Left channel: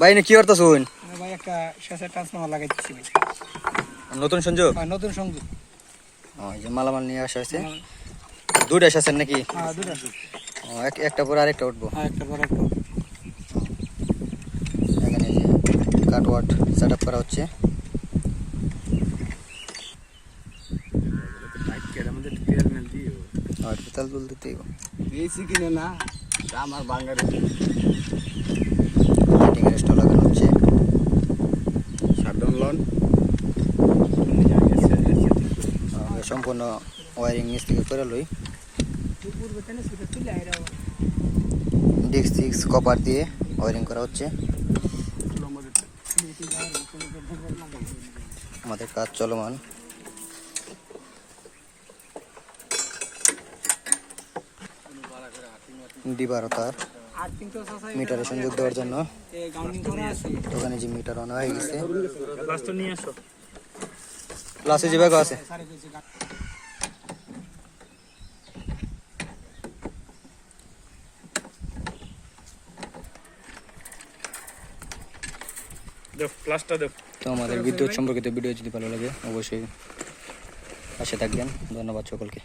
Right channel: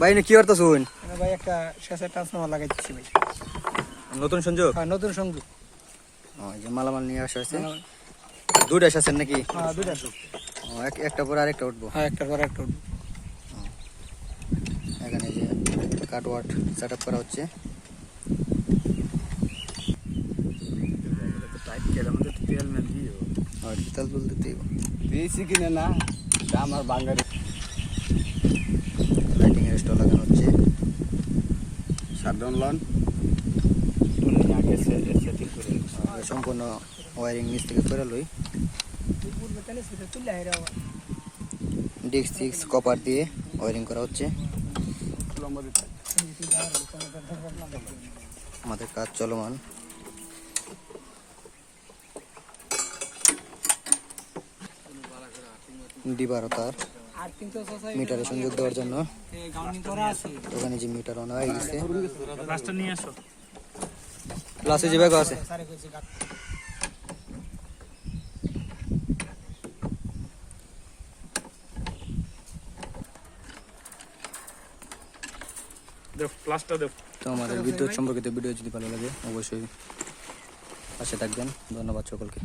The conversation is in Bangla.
ভাই না কি করতেছুন? ভাই একটা শেষের ট্রান্সফরমার লাগাইতেছি ভাই। নতুন সংযোগ? হ্যাঁ নতুন সংযোগ। এই যে মালামাল নিয়ে আসা হয়েছে। দুইটা এসেছেন নাকি? হ্যাঁ দুইটা। একটা পরে আরেকটা উঠবো। হ্যাঁ একটা পর একটা। এখানে যে কাটওয়াট সেট আপ করা হচ্ছে। আর তেল তুল দিতেই দিয়েছি কিনে না আমার বাঙ্গারে লাইটিং এর স্টল লাগানো হচ্ছে। সাধারণ লন সম্পূর্ণ ওয়ারিং নিচ থেকে করে লই। ডিস্ক সিক্স কপার দিয়ে ওয়ারিং করা হচ্ছে। আমাদের কাজ চলমান। ডিবার তার মিটারে সংযোগ দেওয়ার জন্য ওখানে যে মিটার অন হয়ে গেছে। ক্লাসে যে ব্যাগ আছে তো আমাদের বিদ্যুৎ সম্পর্কিত ভিডিও যদি ভালো লাগে অবশ্যই পাশে থাকবেন। ধন্যবাদ সকলকে।